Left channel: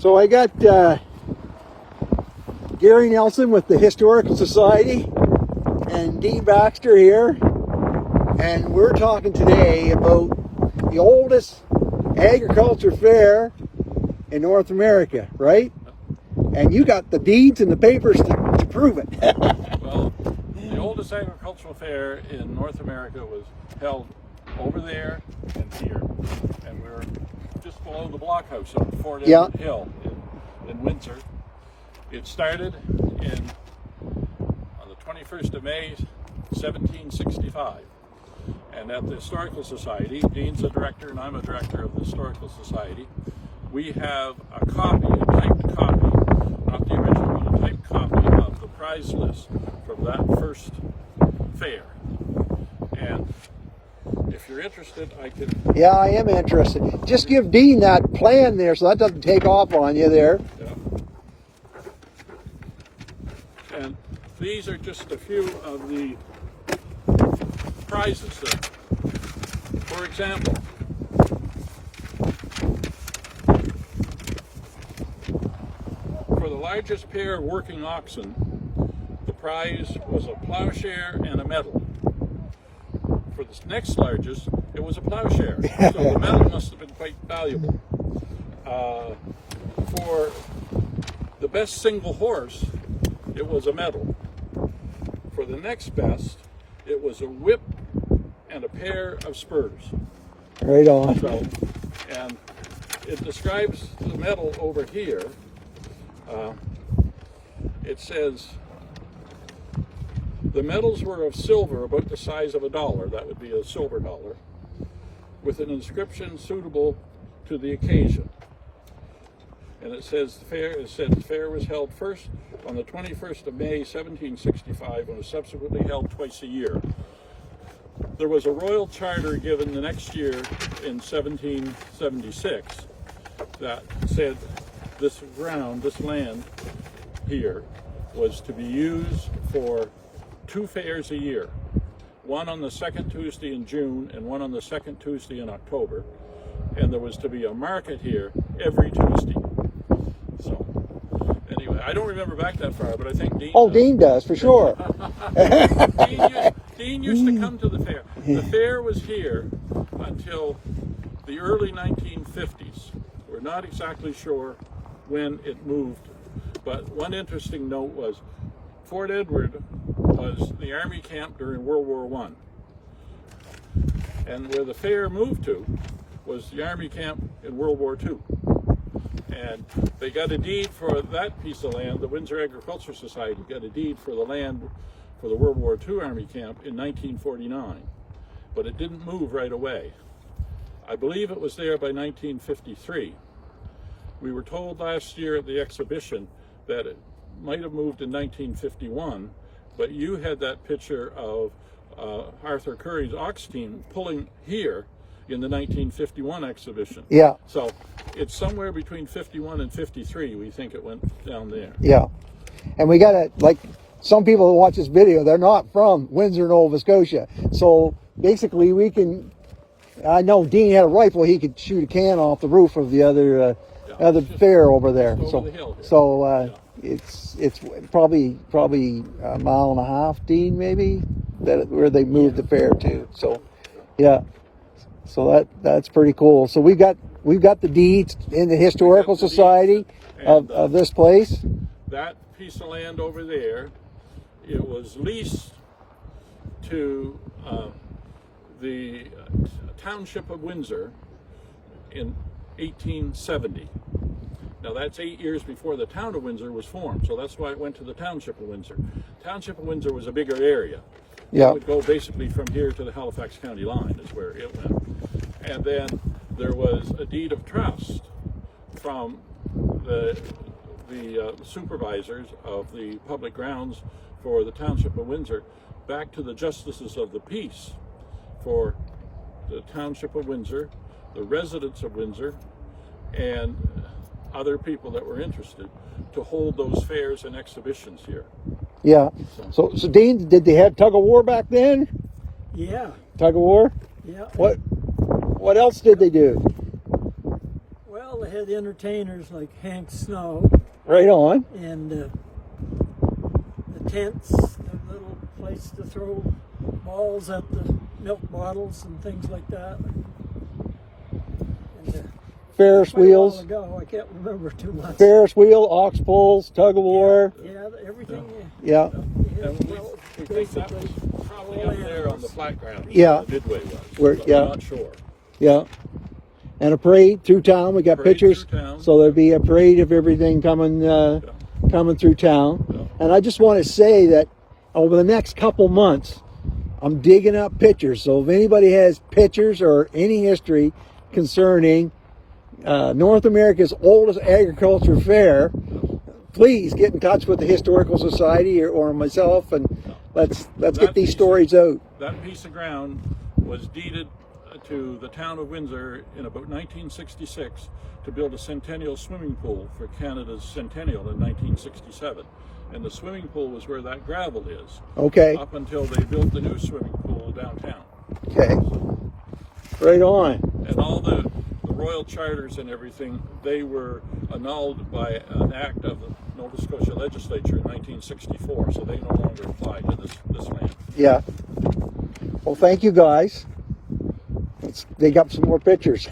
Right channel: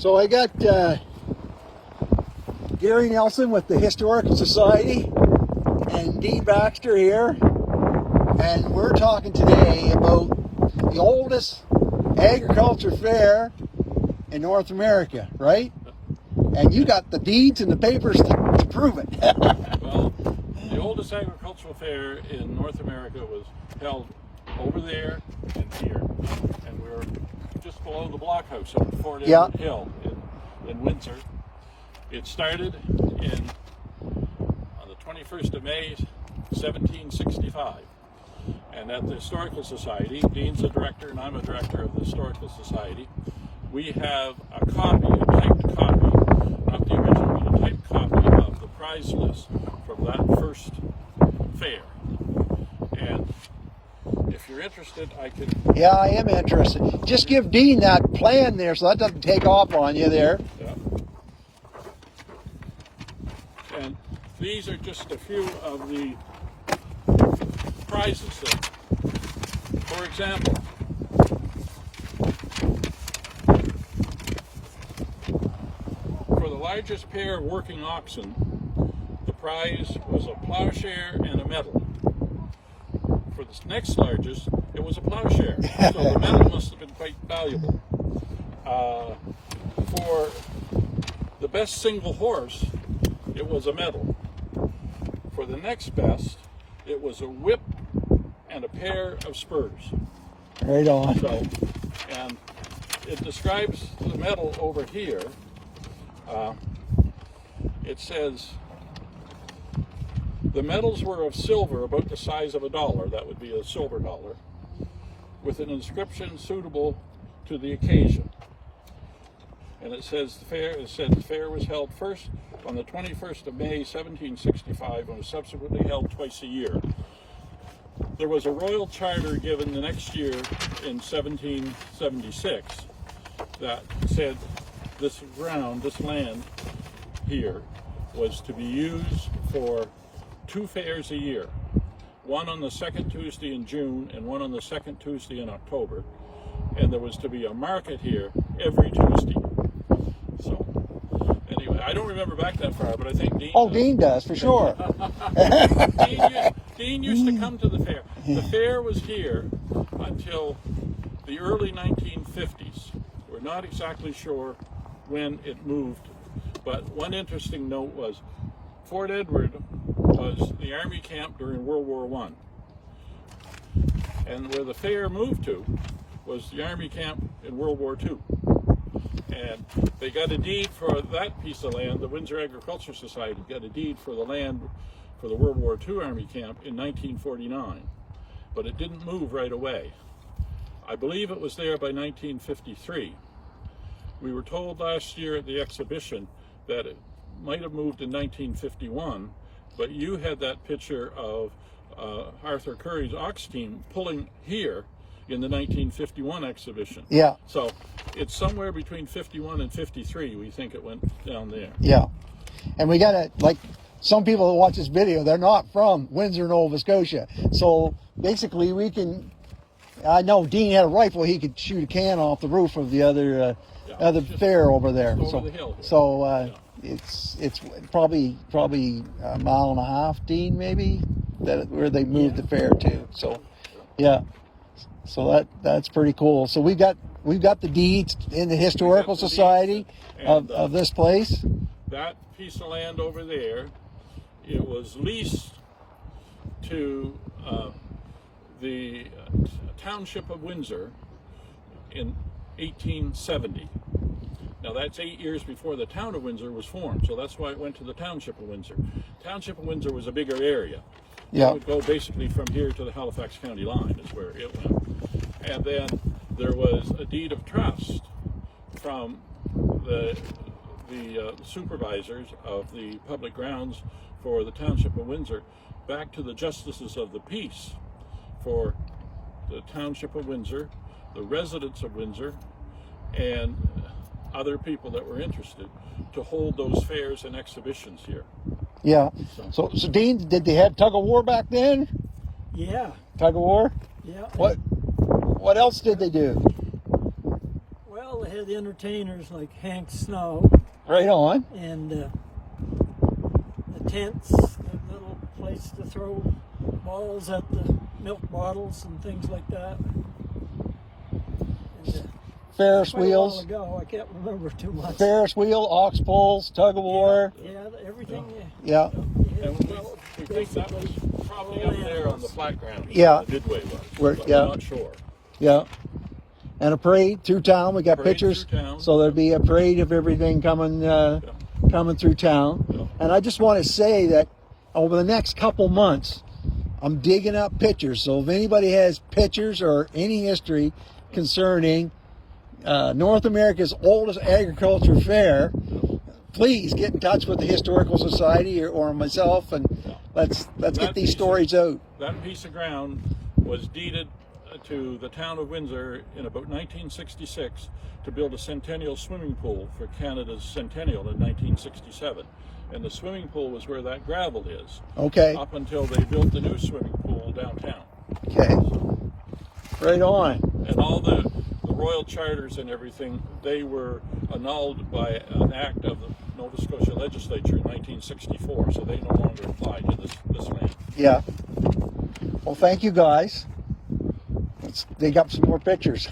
So I got Gary Nelson with the Historical Society and Dean Baxter here, and we're talking today about the oldest agriculture fair in North America, right? And you got the deeds and the papers to prove it. Well, the oldest agricultural fair in North America was held over there and here, and we're just below the blockhouse at Fort Edward Hill in Windsor. It started on the 21st of May, 1765. And at the Historical Society, Dean's a director and I'm a director of the Historical Society, we have a copy, a typed copy, not the original, but a typed copy of the prize list from that first fair. And if you're interested, I can... Yeah, I am interested. Just give Dean that plan there so that doesn't take off on you there. Yeah. And these are just a few of the prizes that, for example, for the largest pair of working oxen, the prize was a plowshare and a medal. For the next largest, it was a plowshare, so the medal must have been quite valuable. For the best single horse, it was a medal. For the next best, it was a whip and a pair of spurs. Right on. So, and it describes the medal over here. It says the medals were of silver about the size of $1. That would be a silver dollar, with an inscription suitable to the occasion. And it says the fair was held first on the 21st of May, 1765, and was subsequently held twice a year. There was a royal charter given the next year in 1776 that said this ground, this land here, was to be used for 2 fairs a year. One on the second Tuesday in June and one on the second Tuesday in October. And there was to be a market here every Tuesday. So, anyway, I don't remember back that far, but I think Dean does. Dean does, for sure. Dean used to come to the fair. The fair was here until the early 1950s. We're not exactly sure when it moved, but one interesting note was Fort Edward was the Army camp during World War I. And where the fair moved to was the Army camp in World War II. And they got a deed for that piece of land. The Windsor Agricultural Society got a deed for the land for the World War II Army camp in 1949. But it didn't move right away. I believe it was there by 1953. We were told last year at the exhibition that it might have moved in 1951, but you had that picture of Arthur Curry's ox team pulling here in the 1951 exhibition. Yeah. So it's somewhere between 51 and 53, we think it went down there. Yeah. And we got to, like, some people that watch this video, they're not from Windsor, Nova Scotia. So basically we can, I know Dean had a rifle, he could shoot a can off the roof of the other fair over there. Over the hill here. So it's probably a mile and a half, Dean, maybe, where they moved the fair to. So yeah, so that's pretty cool. So we've got the deeds in the Historical Society of this place. That piece of land over there, it was leased to the Township of Windsor in 1870. Now that's 8 years before the town of Windsor was formed, so that's why it went to the Township of Windsor. Township of Windsor was a bigger area. Yeah. It would go basically from here to the Halifax County line is where it went. And then there was a deed of trust from the supervisors of the public grounds for the Township of Windsor back to the Justices of the Peace for the Township of Windsor, the residents of Windsor, and other people that were interested to hold those fairs and exhibitions here. Yeah. So Dean, did they have tug of war back then? Yeah. Tug of war? Yeah. What else did they do? Well, Well, they had entertainers like Hank Snow Right on. and the tents, a little place to throw balls at the milk bottles and things like that. And, Ferris quite a while wheels. ago, I can't remember too much. Ferris wheel, ox pulls, tug of war. Yeah, everything. Yeah. And we think that was probably up there on the flat ground. Yeah. The Midway was. We're- but yeah. we're not sure. Yeah. And a parade through town. We got Parade pictures. through town. So there'll be a parade of everything coming coming through town. Yeah. And I just want to say that over the next couple months, I'm digging up pictures. So if anybody has pictures or any history concerning North America's oldest agriculture fair, please get in touch with the Historical Society or myself, and let's get these stories out. That piece of ground was deeded to the town of Windsor in about 1966 to build a centennial swimming pool for Canada's centennial in 1967. And the swimming pool was where that gravel is, Okay. up until they built the new swimming pool downtown. Okay. Right on. And all the royal charters and everything, they were annulled by an act of the Nova Scotia legislature in 1964, so they no longer apply to this land. Yeah. Well, thank you guys. Let's dig up some more pictures.